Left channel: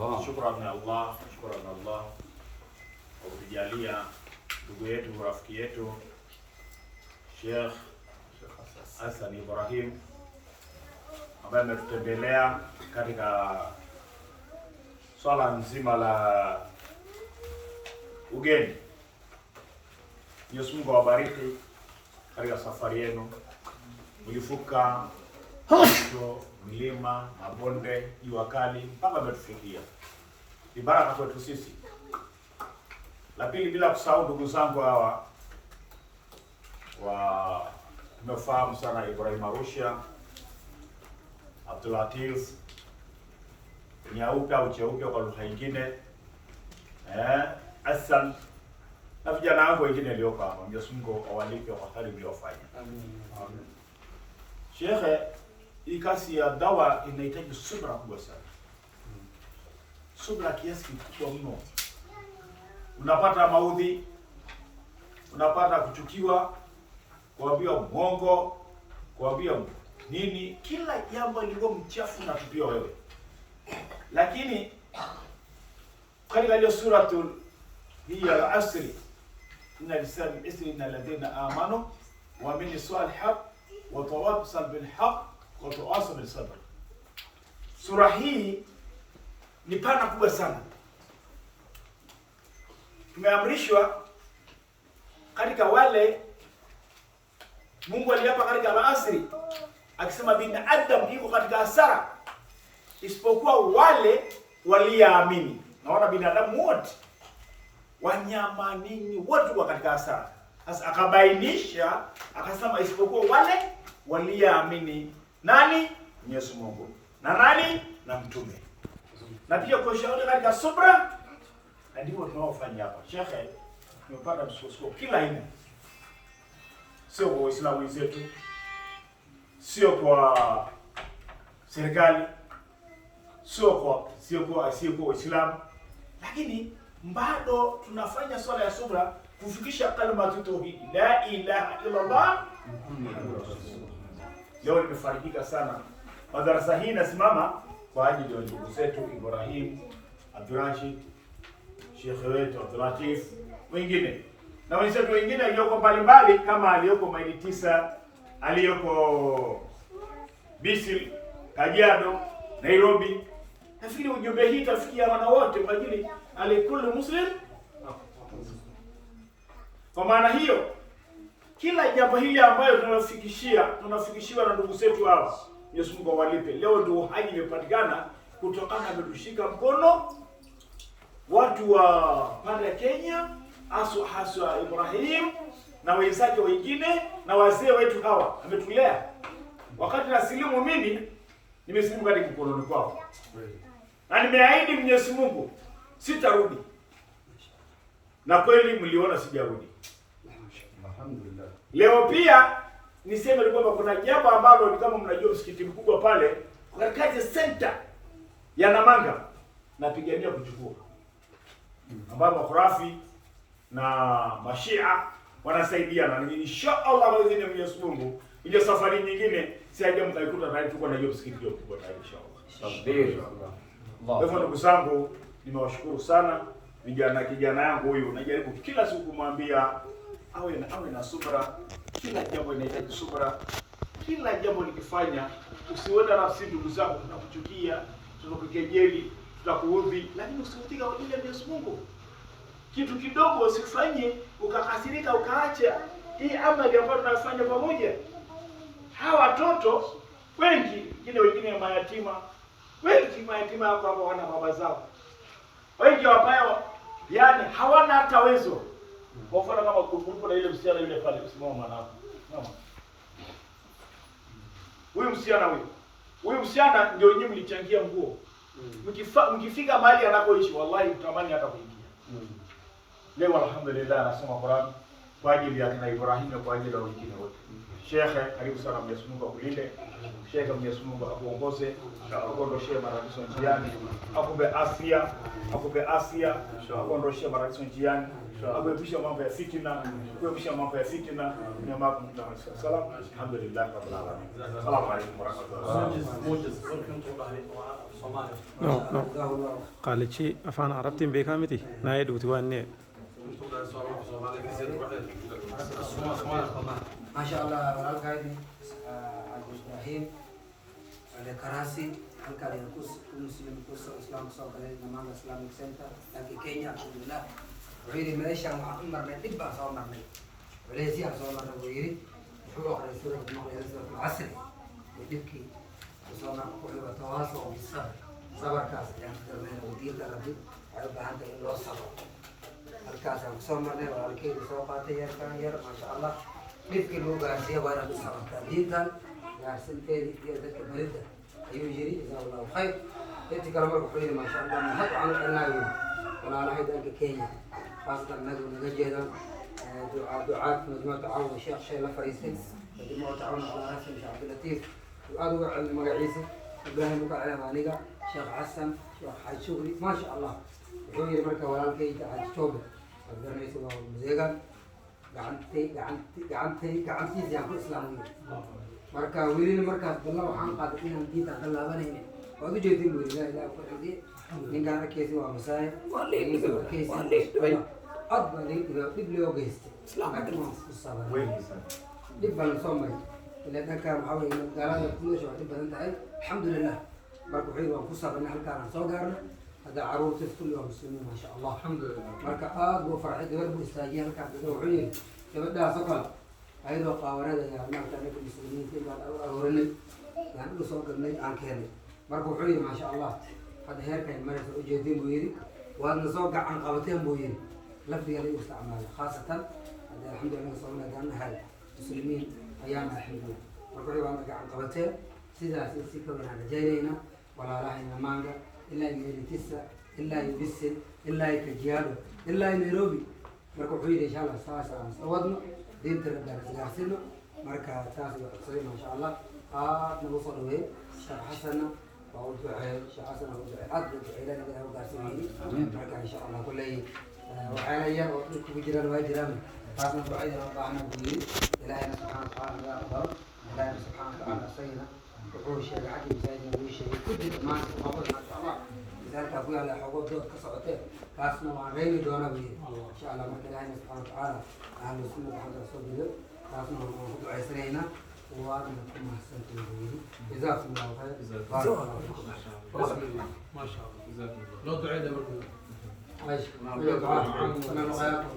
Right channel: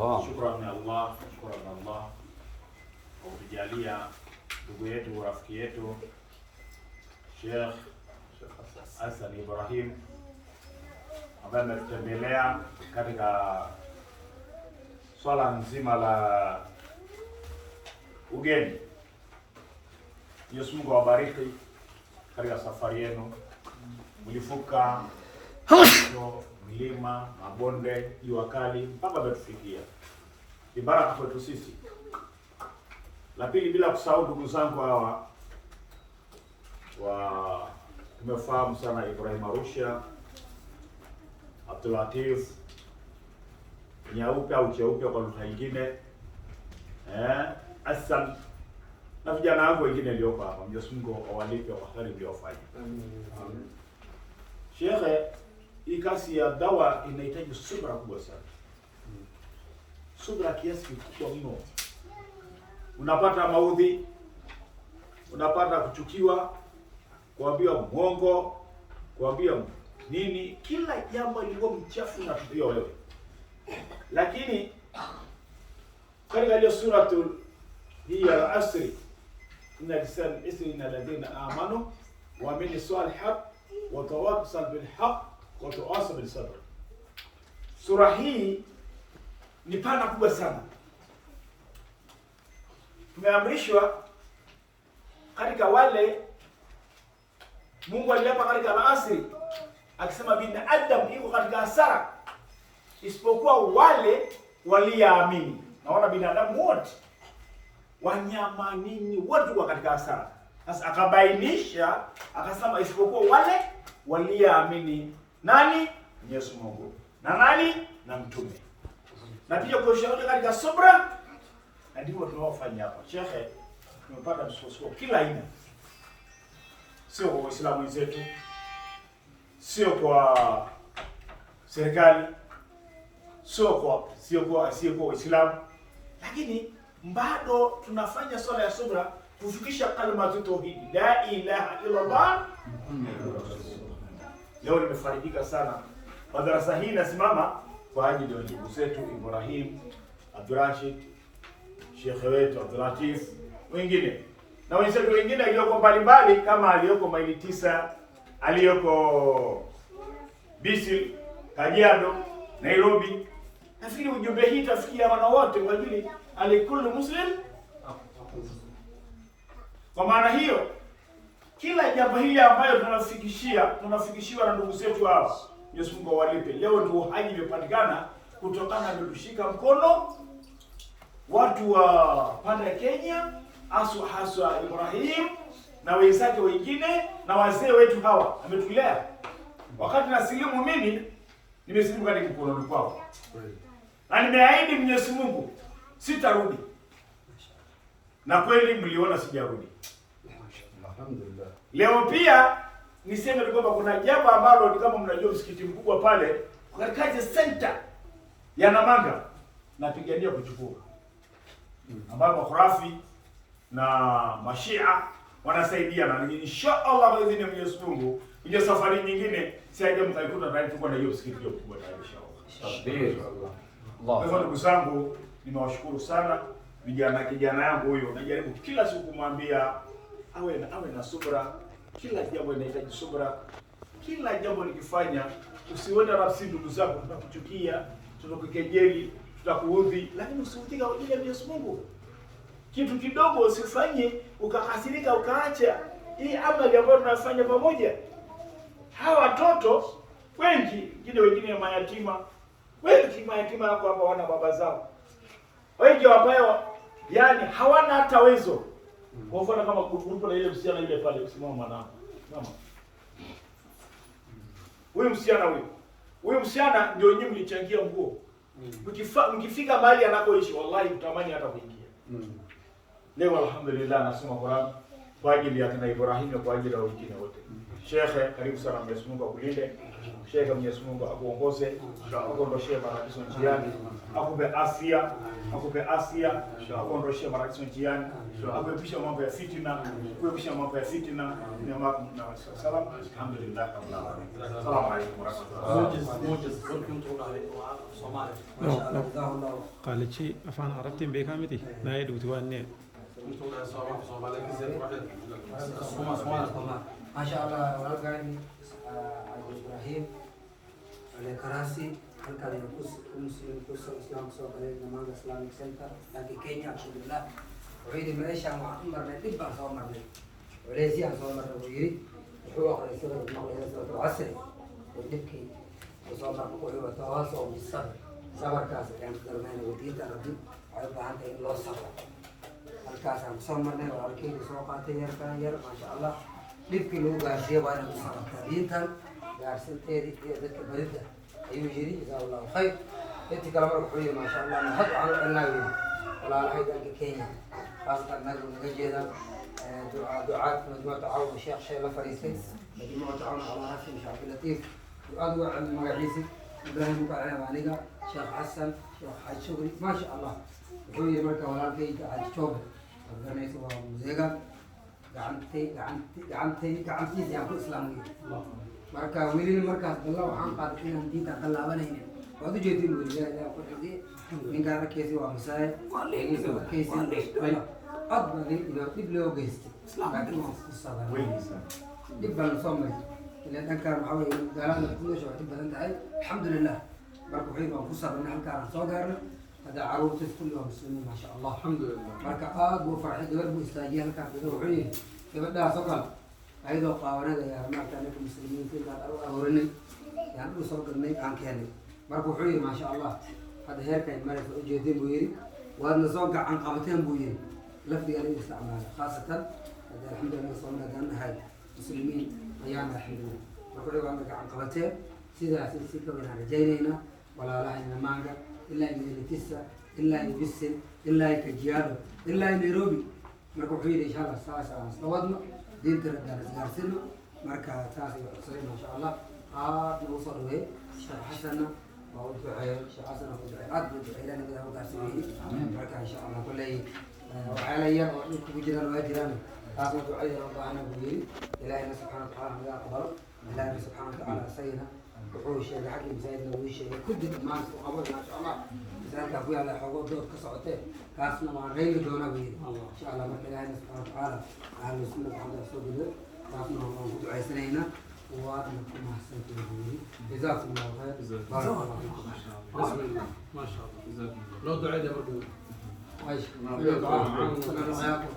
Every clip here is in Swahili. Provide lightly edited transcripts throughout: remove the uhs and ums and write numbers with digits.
Shukrani Allah kwa kutujalia ndugu yetu, rafiki yetu Sheikh Hassan Ibrahim ambaye ametutembelea katika swala nzima la ugeni. Mwenyezi Mungu awabariki katika safari yenu. Mlifuka milima, mabonde, jua kali mpaka ametufikia. Ni baraka kwetu sisi. La pili, bila kusahau ndugu zangu hawa tumefahamu sana Ibrahim Arusha, Abdul Latif nyeupe au cheupe kwa lugha nyingine, Hassan na vijana wangu wengine walioko hapa. Mwenyezi Mungu awalipe kwa hali mliofanya. Amen. Shekhe, hii kazi ya dawa inahitaji subra kubwa sana. Subra kiasi kikubwa mno. Unapata maudhi, unapata kuchukiwa, kuambia mwongo, kuambia nini, kila jambo liko mchafu na tupio wewe. Lakini katika ile suratul hii al-Asri, inna lisan isri inna alladhina amanu wa aminu salihat wa tawasaw bil haqq wa tawasaw bil sabr. Sura hii ni pana kubwa sana. Tumeamrishwa katika wale Mungu aliapa katika al-Asri akisema binadamu iko katika hasara isipokuwa wale waliamini. Na wana binadamu wote, wanyama nini, wote wa katika hasara. Sasa akabainisha akasema isipokuwa wale waliamini. Nani? Mwenyezi Mungu. Na nani? Na mtume. Na pia kushauri katika subra, na ndivyo tunaofanya hapa. Shekhe, tumepata msukosuko kila aina. Sio kwa Waislamu wenzetu, sio kwa serikali, sio kwa Waislamu, lakini bado tunafanya swala ya subra kufikisha kalima tauhid la ilaha illa Allah. Leo nimefarijika sana. Madarasa hii nasimama kwa ajili ya ndugu zetu Ibrahim, Abdurrashid, Sheikh wetu Abdul Latif, wengine na wenzetu wengine walioko mbalimbali, kama aliyoko Maili 9, aliyoko Bisil, Kajiado, Nairobi. Nafikiri ujumbe hii tafikia wana wote kwa ajili alikulu muslim. Kwa maana hiyo, kila jambo hili ambayo tunafikishiwa na ndugu zetu hawa, Mwenyezi Mungu awalipe. Leo ndio uhai umepatikana kutokana na kushika mkono watu wa pande ya Kenya, haswa Ibrahim na wenzake wengine na wazee wetu hawa ametulea. Wakati nasilimu mimi, nimesilimu katika mkononi kwao. Na nimeahidi Mwenyezi Mungu sitarudi. Na kweli mliona sijarudi. Alhamdulillah. Leo pia niseme kwamba kuna jambo ambalo ni kama mnajua msikiti mkubwa pale katika center ya Namanga napigania kuchukua. Ambapo makhurafi na mashia wanasaidiana, na inshallah kwa idhini ya Mwenyezi Mungu kwenye safari nyingine sije mtaikuta tayari tuko na hiyo msikiti hiyo kubwa tayari inshallah. Kwa hivyo ndugu zangu, nimewashukuru sana. Kijana yangu huyu najaribu kila siku kumwambia awe na subra. Kila jambo linahitaji subra. Kila jambo likifanya usiwenda nafsi ndugu zako, tutakuchukia, tutakukejeli, tutakuudhi, lakini usiutika kwa ajili ya Mwenyezi Mungu. Kitu kidogo usifanye ukakasirika ukaacha hii amali ambayo tunafanya pamoja. Hawa watoto wengine mayatima. Wengi mayatima yako hapa wana baba zao. Wengi ambao yani hawana hata uwezo. Kwa mfano kama grupu na ile msichana yule pale, usimama mwanangu. Mama. Huyu msichana ndio nyinyi mlichangia nguo. Mkifika mahali anakoishi wallahi mtamani hata kuingia. Leo alhamdulillah nasoma Qur'an kwa ajili ya kina Ibrahim na kwa ajili ya wengine wote. Sheikh, karibu sana, Mwenyezi Mungu akulinde. Sheikh, Mwenyezi Mungu akuongoze, akuondoshee matatizo njiani, akupe afya, akuondoshee matatizo njiani, akuepushe mambo ya fitina, Salam. Alhamdulillah rabbil alamin. Assalamu alaykum wa rahmatullahi. قالت شيء أفان عربتين بكامتي نايد وتواني ما شاء الله والقايد إبراهيم على كراسي halkan yang muslim khusus Islam sokale namanya Islamic Center yang di Kenya alhamdulillah. Wili Malaysia Muhammad marne dibba so marne. Malaysia so marne wili. Huwa qad sura maqla sura al-asr. ودبكي وصبر كل وتواصل بالصبر. صبر كاس يعني كرمنا وديت عربي halkan ante lo صبر. الكاس so marne walki sokate yar ما شاء الله. دبكي لو gaarsiya waana bisabr. Diintan gaarsinteedi dadka barida. يجري جزاه الله خير. يأتي كلام الحبيب ما شاء الله نحط على النبي ولا رأيت أنك كينيا خاصة النبي نجينا دعاء مجموعة تعاون الشيخ شيخ فريسي مجموعة تعاون على رأسي مش عبد اللطيف وأدعو على المقاعيسي إبراهيم مقاعد مانيكا شيخ حسن شيخ حاج شغلي ما شاء الله يحوي الملكة ولا الكي حاج توبة وقدرنا يسوى مزيقا قعنتي سياق الإسلامية marka wiilin markaas balla waxaan qaaday inaan diinta qalaabanayna waad u jeedin wiilay ilaa ku xidhi ninka keesi waa masaay keesi adbali dib loo geystay laakiin waa ku sabay dib bal soo maray ilaa dhanka waxa weeye galada kuleesho waa badan tahay alxamdulillah marka wuxuu waa ku sabrna halkaan soo gaarna hada caruurta kullu waa muslimiin ma sha Allah alxamdulillah marka aad buu farxay gabadh buu istaajiyay halkaan wuxuu yiri gabadhaas oo kale ayadoo qaawanada yaa maanta anaga muslimiinta intaan aruurinay yaan u soo galnay aan keenay marka wuxuu yidhi maasha allah hadda heerkan maraysa u jeedin buu yidhi waadna soo gacan qabateen buu yidhi lafdiga la isticmaalay khaasatan hadda alxamdulillah soomali haddaan nahay muslimiin ayaana alxamdulillah marka wuxuu waadna gacan qabateen sidaas si ka weynaan rajaynayna walaalahayna maanga ilaa meelitisa ilaa bisil ilaa kajiado ilaa nairobi marka wuxuu yidhi insha allah saas aan soo wadno دين ترجعنا مركز تاسع صحيح ما شاء الله نوصل له شيخ حسن وأوزعي شيخ حسن وأوزعي أدرج إلى أن له قاسمين مركز إن شاء الله كله وعليا ولكم بجيران وجيران هذا دعينا الله بوي إلهنا سبحانه وتعالى يا قدر إلهنا سبحانه وتعالى سيدنا وحوش الحكيم سيدنا ويشه كل ما شاء الله ذلك أقول على حقوق ذو كسرته كاسنا وعليه دونا بيه إن شاء الله من إلهنا سبحانه وتعالى أهل السنة بعد الصبر كاسنا وعليه عيسرينا وعليكم أحسنتم به جزاكم الله خير بارك الله فيكم ما شاء الله جزاكم الله لو دعينا برضو ماشي من دعاء عام من دعاءكم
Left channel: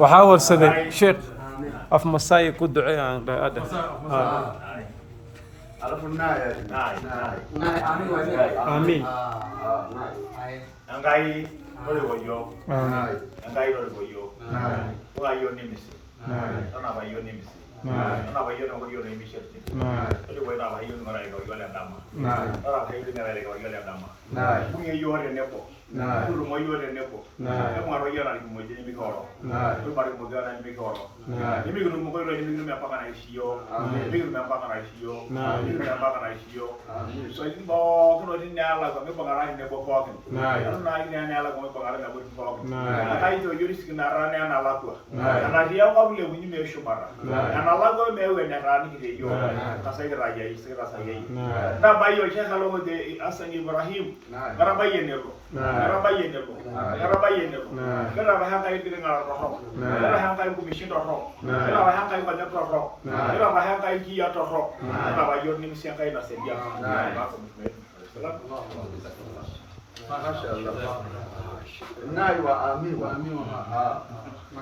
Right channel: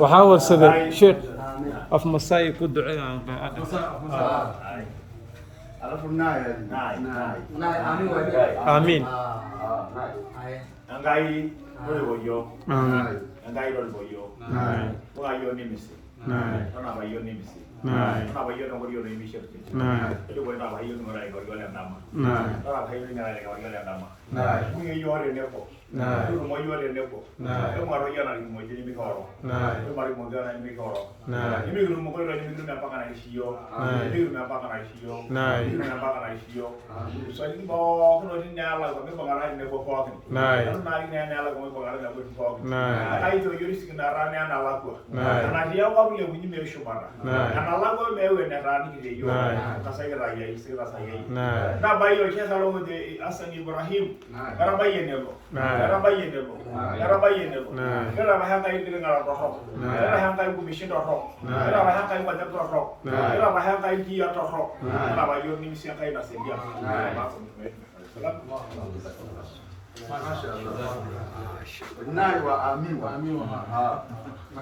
وحاول سيدي شيخ أف مساي كود دعاء عن قائد آمين Angai boyo. Angai boyo. Wa yo nimisi. Ana ba yo nimisi. Ana ba yo na yo nimisi. Ado boy na ba yo ngora yo yo la ndama. Ana ba yo ni ngara yo la ndama. Ku yo re neko. Ku mo yo re neko. E mo ro yo na mo je ni ko ro. Ku mari mo ga na ni ko ro. Ni mi mo ko ro ni mi me pa kana isiyo. Ni mi me pa kana isiyo. Ni mi me pa kana isiyo. So ni mo ko ni na la ko me pa kana ni ko ko. Na ni na la ko me pa kana na ko ko. Ai to yuri sik na ra na la ko. Na dia ko le ni me shumara. Na la ko me we na ra ni de yo. Ka sai ra ya sai ra sai. Na ba yo che salo de Asan Ibrahim. Kara bayene lo. Kara bayene lo. Kara bayene lo. Kara ba ha kai de ngara ro. Kara ha kai bu mishin ro. Kara ba ha kai ba de ro. Kara ba ha kai ki ya ro. Kara ba yo ni sia kai na se ya. ما شاء الله. ناي وآمين.